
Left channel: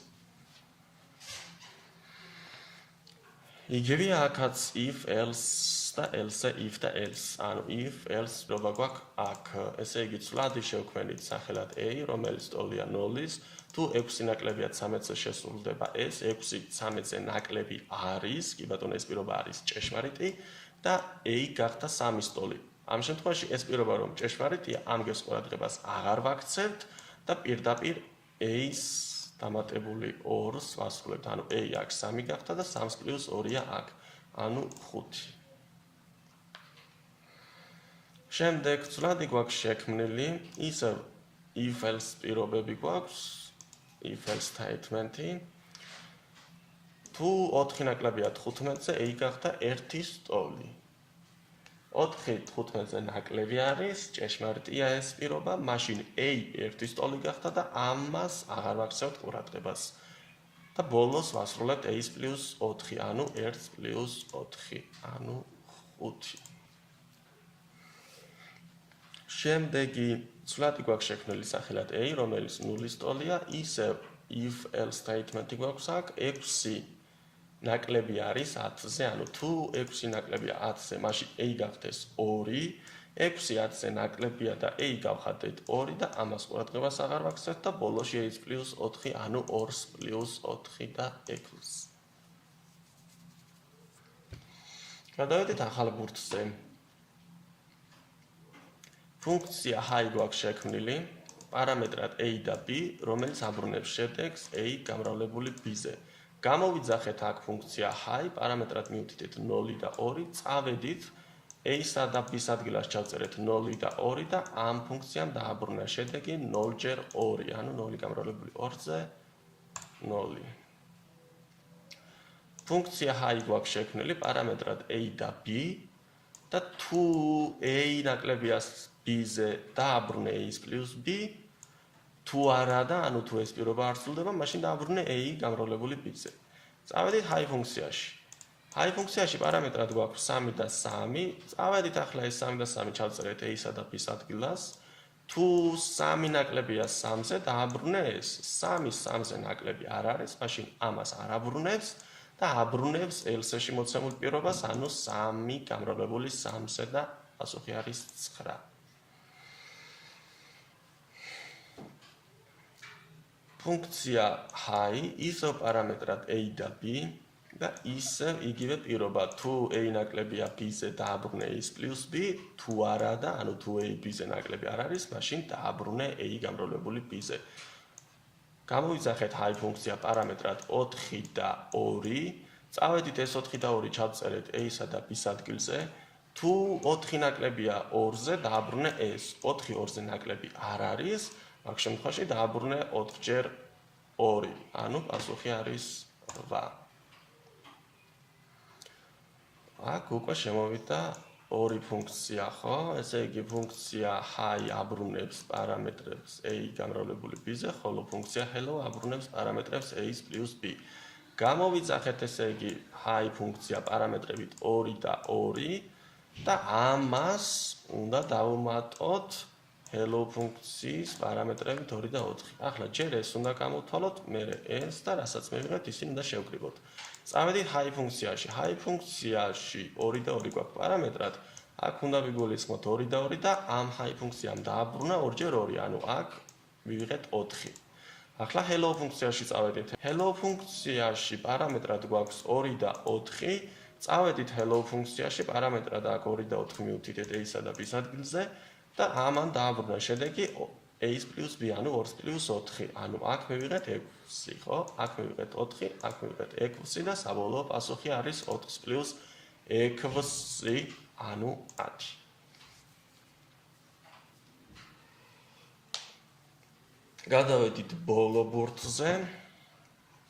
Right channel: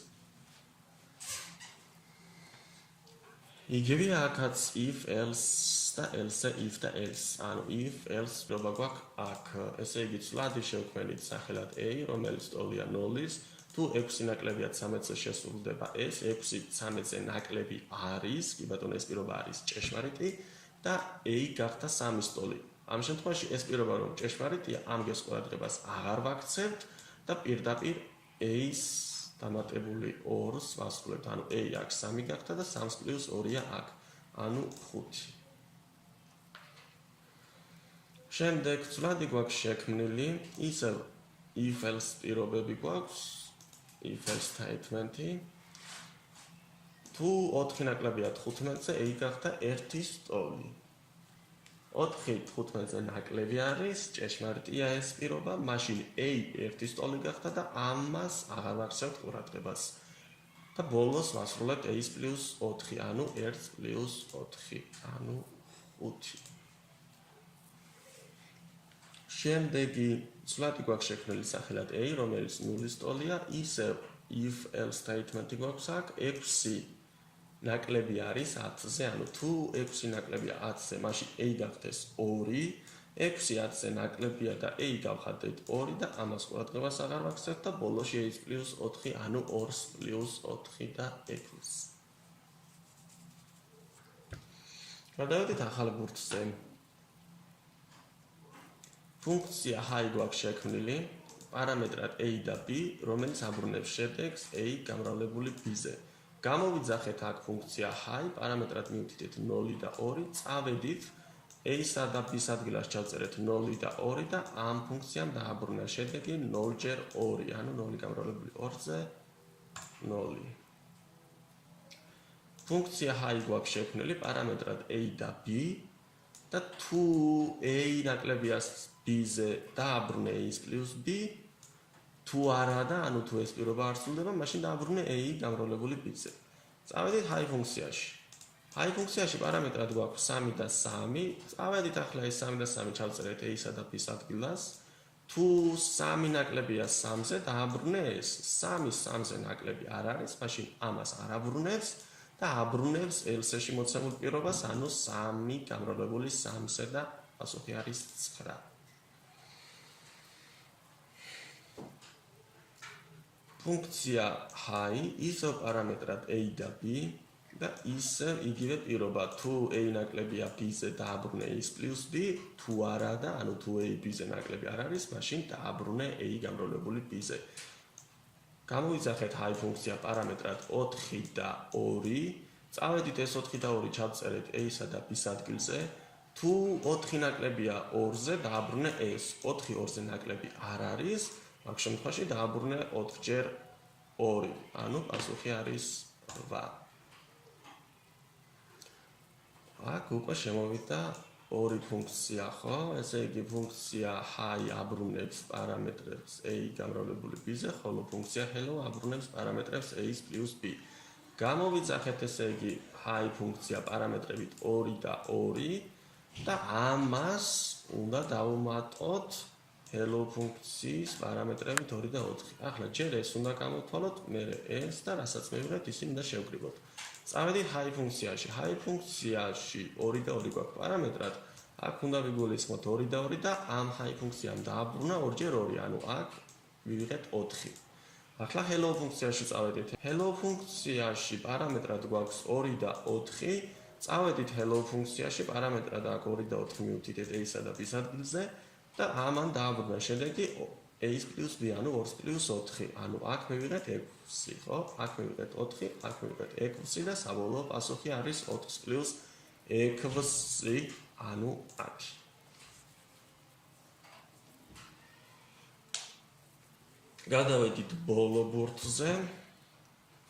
იგივე აქაც if else და else, if და else. ანუ if else პრობა გვაქვს აქ. ესე იგი ცვლადი შევქმნით სახელად a, რომელიც ტოლია 0-ის. თუ 6 ნაკლებია 13-ზე შესრულდება ეს, 6 13-ზე ნაკლები არის, კი ბატონო ეს პირობა არის ჭეშმარიტი და a გახდა 3-ის ტოლი. ამ შემთხვევაში ეს პირობა რომ ჭეშმარიტია, ამ გეს ყურადღებას აღარ ვაქცევთ და პირდაპირ a-ს დამატებული 2-ს ვასრულებთ. ანუ a აქ 3 გახდა და 3 + 2-ია აქ, ანუ 5. შემდეგ ცვლადი გვაქვს შექმნილი, ისევ if else პირობები გვაქვს, if else statement-ი. თუ 4 ნაკლებია 15-ზე, a გახდა 1-ის ტოლი. 4 15-ზე ნაკლები არის, ჭეშმარიტია ეს პირობა, მაშინ a 1-ის ტოლი გახდა და ამას აღარ ვაქცევთ ყურადღებას. და ბოლოს ვასრულებთ a-ს + 4, ანუ 1 + 4, ანუ 5. შემდეგი ცვლადი გვაქვს შექმნილი სახელად a, რომელიც 0-ის ტოლია, ისევ if else statement-ი გვაქვს აქ, 6 ნაკლები არის 10-ზე, ანუ თუ 6 ნაკლებია 10-ზე, მაშინ a გახდეს 2, 6 10-ზე ნაკლებია და a გავხადეთ 2 და ამას ყურადღებას აღარ ვაქცევთ და ბოლოში a + 4, ანუ 2 + 4 და 6. გადავედით ახალ ბურთზე. ფუნქცია hi გვაქვს შექმნილი, პარამეტრად a და b, რომელიც აბრუნებს შედეგს a გამრავლებული b-ზე. გამოვიძახეთ აქ ფუნქცია hi, პარამეტრად მივდიდეთ 0 და 2, წავედით a-სა და b-ს ადგილას ჩავწერეთ 0 და 2 და ამ ფუნქციამ დააბრუნა შედეგი 0 ჯერ 2, ანუ 0 გამრავლებული 2-ზე 0. ფუნქცია hi გვაქვს შექმნილი, პარამეტრად a და b და თუ a ნაკლებია b-ზე დააბრუნე a-ს + b, თუ არა და ანუ თუ ეს პირობა არ სრულდება, მაშინ დააბრუნე a გამრავლებული b-ზე. წავედით hi ფუნქციაში. hi ფუნქციაში პარამეტრად გვაქვს 3 და 3. წავედით ახლა ეს 3 და 3 ჩავწერეთ a-სა და b-ს ადგილას. თუ 3 ნაკლებია 3-ზე, დააბრუნე ეს. 3 3-ზე ნაკლები არ არის, მაშინ ამას არ აბრუნებს და აბრუნებს else-ში მოცემულ პირობას, ანუ 3 გამრავლებული 3-ზე და პასუხი არის 9. ფუნქცია hi ისევ პარამეტრად a და b, და ისევ იგივე პირობა, თუ a ნაკლებია b-ზე დააბრუნე a + b, თუ არა და ანუ თუ a b-ზე ნაკლები არ არის, მაშინ დააბრუნე a გამრავლებული b-ზე. გამოვიძახეთ hi ფუნქცია პარამეტრად 4 და 2. წავედით ეს 4 და 2 ჩავწერეთ a-სა და b-ს ადგილზე. თუ 4 ნაკლებია 2-ზე, დააბრუნე s. 4 2-ზე ნაკლები არ არის, მაგ შემთხვევაში დააბრუნე 4 × 2. ანუ პასუხი არის 8. აქ უკვე შემოვიდა ორი ფუნქცია, ხო? ესე იგი ფუნქცია hi აბრუნებს პარამეტრებს a გამრავლებული b-ზე, ხოლო ფუნქცია hello აბრუნებს პარამეტრებს a + b. გამოვიძახეთ ესე იგი hi ფუნქცია პარამეტრებით 2 და 2 და ამას უნდა დავუმატოთ hello ფუნქციის პარამეტრებით 2 და 4. ახლა ჯერ ეს უნდა გამოვთვალოთ, მერე ეს და რასაც მივიღეთ, ისინი უნდა შევკრიბოთ. წავედით hi ფუნქციაში. hi ფუნქციაში 2 და 2 გვაქვს პარამეტრად. აქ უნდა ვიგულისხმოთ 2 და 2 და ამ hi ფუნქციამ დააბრუნა 2 × 2, ანუ აქ ვივიღეთ 4. ახლა hello ფუნქციაში წავედით. hello ფუნქციაში პარამეტრად გვაქვს 2 და 4. წავედით hello ფუნქციაში პარამეტრად აქ 2 და 4 მივუთითეთ a-სა და b-ს ადგილზე და ამან დააბრუნა შედეგი a + b, ანუ 2 + 4. ანუ აქ მივიღეთ 6, ხო? აქ მივიღეთ 4, აქ მივიღეთ 6 და საბოლოო პასუხი არის 4 + 6, ანუ 10. გადავედით ბოლო ბურთზე.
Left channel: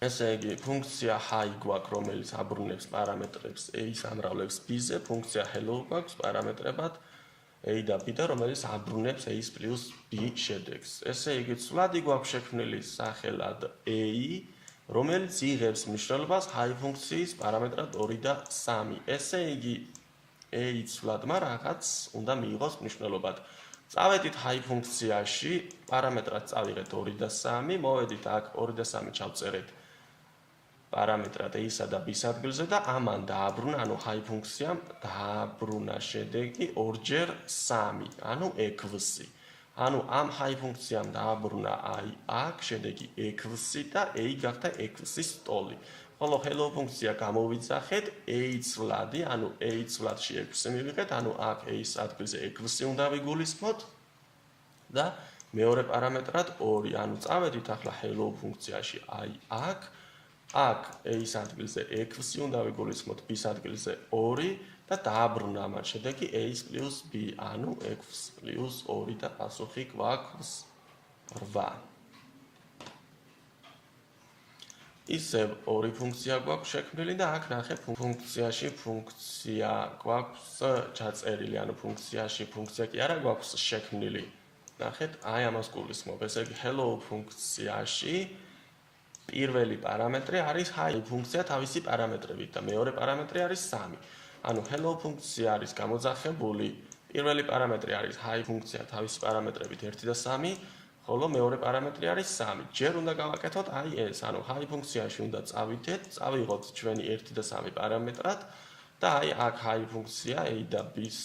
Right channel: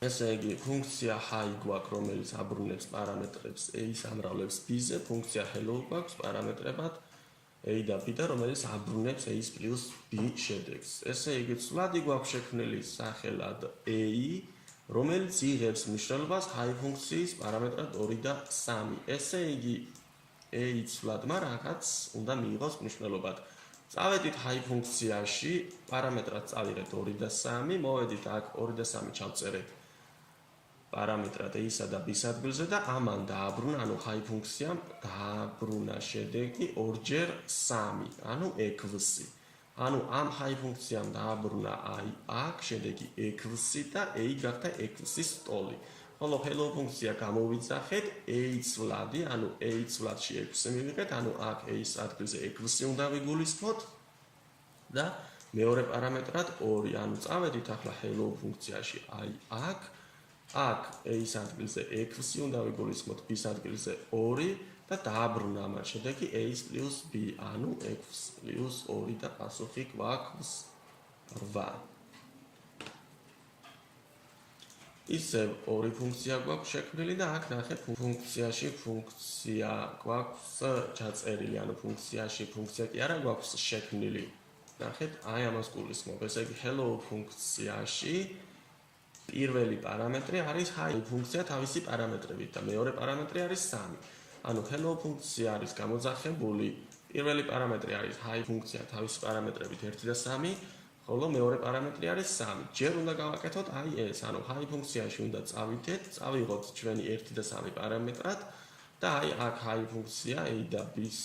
ესე იგი ფუნქცია hi გვაქვს, რომელიც აბრუნებს პარამეტრებს a-ს ამრავლებს b-ზე, ფუნქცია hello გვაქვს პარამეტრებად a და b და რომელიც აბრუნებს a + b შედეგს. ესე იგი ცვლადი გვაქვს შექმნილი სახელად a, რომელიც იღებს მნიშვნელობას hi ფუნქციის პარამეტრად 2 და 3. ესე იგი a ცვლადმა რაღაც უნდა მიიღოს მნიშვნელობად. წავედით hi ფუნქციაში, პარამეტრად წავიღეთ 2 და 3, მოვედით აქ 2 და 3 ჩავწერეთ პარამეტრად a-სა და b-ს ადგილზე და ამან დააბრუნა, ანუ hi ფუნქციამ დააბრუნა შედეგი 2 × 3, ანუ 6. ანუ ამ hi ფუნქციამ დააბრუნა აი აქ შედეგი 6 და a გახდა 6-ის ტოლი. ხოლო hello ფუნქცია გამოვიძახეთ a ცვლადი, ანუ a ცვლადში 6 მივიღეთ, ანუ აქ a-ს ადგილზე 6 უნდა ვიგულისხმოთ და მეორე პარამეტრად 2. ანუ წავედით ახლა hello ფუნქციაში აი აქ a-ს ადგილზე 6 უნდა ვიგულისხმოთ, b-ს ადგილზე 2 და დააბრუნა ამან შედეგი a + b, ანუ 6 + 2 და პასუხი გვაქვს 8. ისევ ორი ფუნქცია გვაქვს შექმნილი და აქ ნახეთ ფუნქციაში ფუნქცია გვაქვს ჩაწერილი, ანუ ფუნქციაში ფუნქცია კი არა გვაქვს შექმნილი. ნახეთ, აი ამას გულისხმობ. ესე იგი hello ფუნქციაში პირველი პარამეტრი არის hi ფუნქცია თავისი პარამეტრებით და მეორე პარამეტრი არის 3. ანუ hello ფუნქცია არის გამოძახებული, პირველი პარამეტრი არის hi ფუნქცია თავისი პარამეტრებით 1 და 3, ხოლო მეორე პარამეტრი არის 3. ჯერ უნდა გავაკეთოთ აი ეს, ანუ hi ფუნქციაში უნდა წავიღოთ ჩვენი 1 და 3 პარამეტრად და აი აქ hi ფუნქცია a და b-ს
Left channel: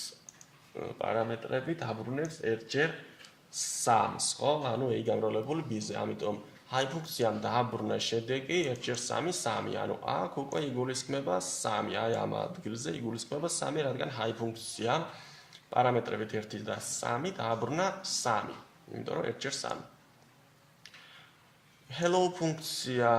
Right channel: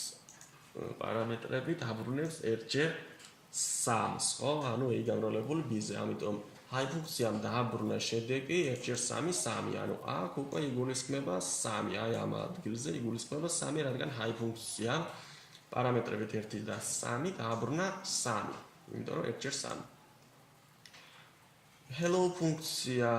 პარამეტრებით აბრუნებს 1/3, ხო? ანუ a გამრავლებული b-ზე, ამიტომ hi ფუნქციამ დააბრუნა შედეგი 1/3 3, ანუ აქ უკვე იგულისხმება 3, აი ამ ადგილზე იგულისხმება 3, რადგან hi ფუნქციამ პარამეტრებით 1 და 3 დააბრუნა 3, იმიტომ რომ 1/3. hello ფუნქცია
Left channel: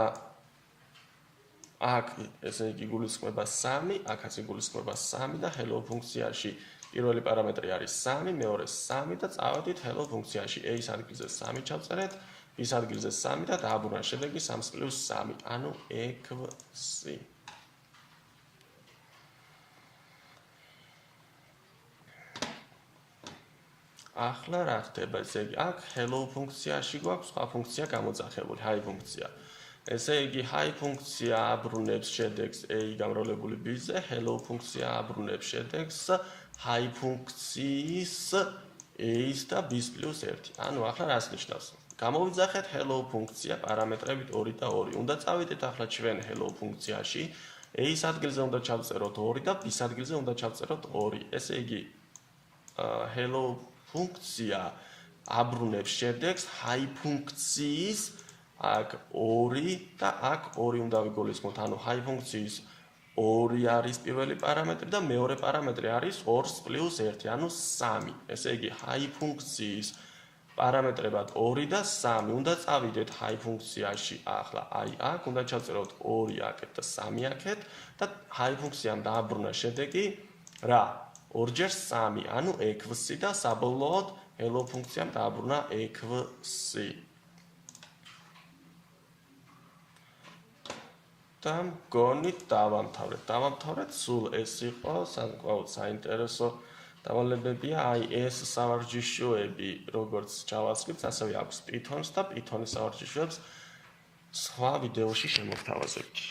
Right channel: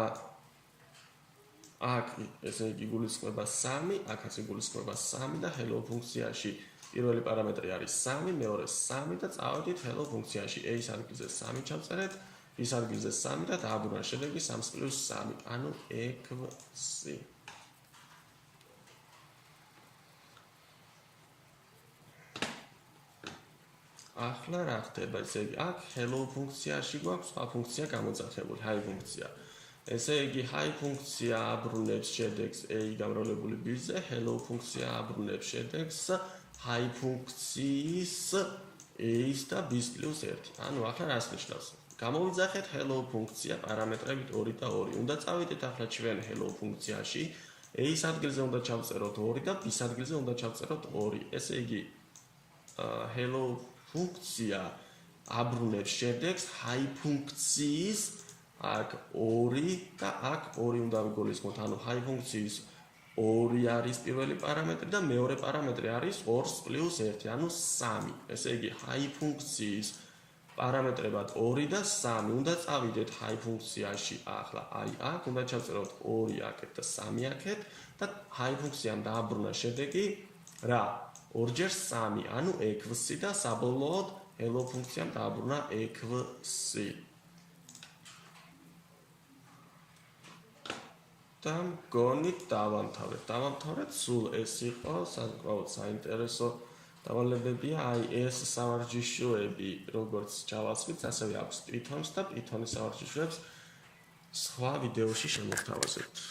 აქ ესე იგი იგულისხმება 3, აქაც იგულისხმება 3 და hello ფუნქციაში პირველი პარამეტრი არის 3, მეორე 3 და წავედით hello ფუნქციაში a-ს ადგილზე 3 ჩავწერეთ, b-ს ადგილზე 3 და დააბრუნა შედეგი 3 + 3, ანუ 6. ახლა რა ხდება? ესე იგი აქ hello ფუნქციაში გვაქვს სხვა ფუნქცია გამოძახებული, hi ფუნქცია. ესე იგი hi ფუნქცია აბრუნებს შედეგს a გამრავლებული b-ზე, hello ფუნქცია აბრუნებს შედეგს hi ფუნქციის a-ს და b-ს + 1. ანუ ახლა რას ნიშნავს? გამოვიძახეთ hello ფუნქცია პარამეტრებით 2 და 2. უნდა წავიდეთ ახლა ჩვენ hello ფუნქციაში, a-ს ადგილზე უნდა ჩავწეროთ 2 და b-ს ადგილზე უნდა ჩავწეროთ 2. ესე იგი hello ფუნქცია აბრუნებს შედეგს hi ფუნქციის აქ 2 და აქ 2 უნდა ვიგულისხმოთ, ანუ hi ფუნქციის 2 არის პირველი პარამეტრი და მეორე პარამეტრი არის 2 + 1, ანუ 3. ესე იგი, high ფუნქციის პარამეტრებად 2 და 3 უნდა წავიდეთ high ფუნქციაში. ახლა აი აქ უნდა ჩავწეროთ 2 აქეთ და 3 აქეთ და high ფუნქციამ დააბრუნა შედეგი რა? 2 × 3, ანუ 6 და საბოლოოდ hello ფუნქციამ დააბრუნა 6. და მგონი დავამთავრეთ. სულ ეს იყო საკმაოდ საინტერესო დავალებებია. აი ეს სავარჯიშოები, როგორც JavaScript-ს, ასევე აქვს Python-ს და Python-ის სავარჯიშოებს სხვა ვიდეოში შემოგთავაზებთ.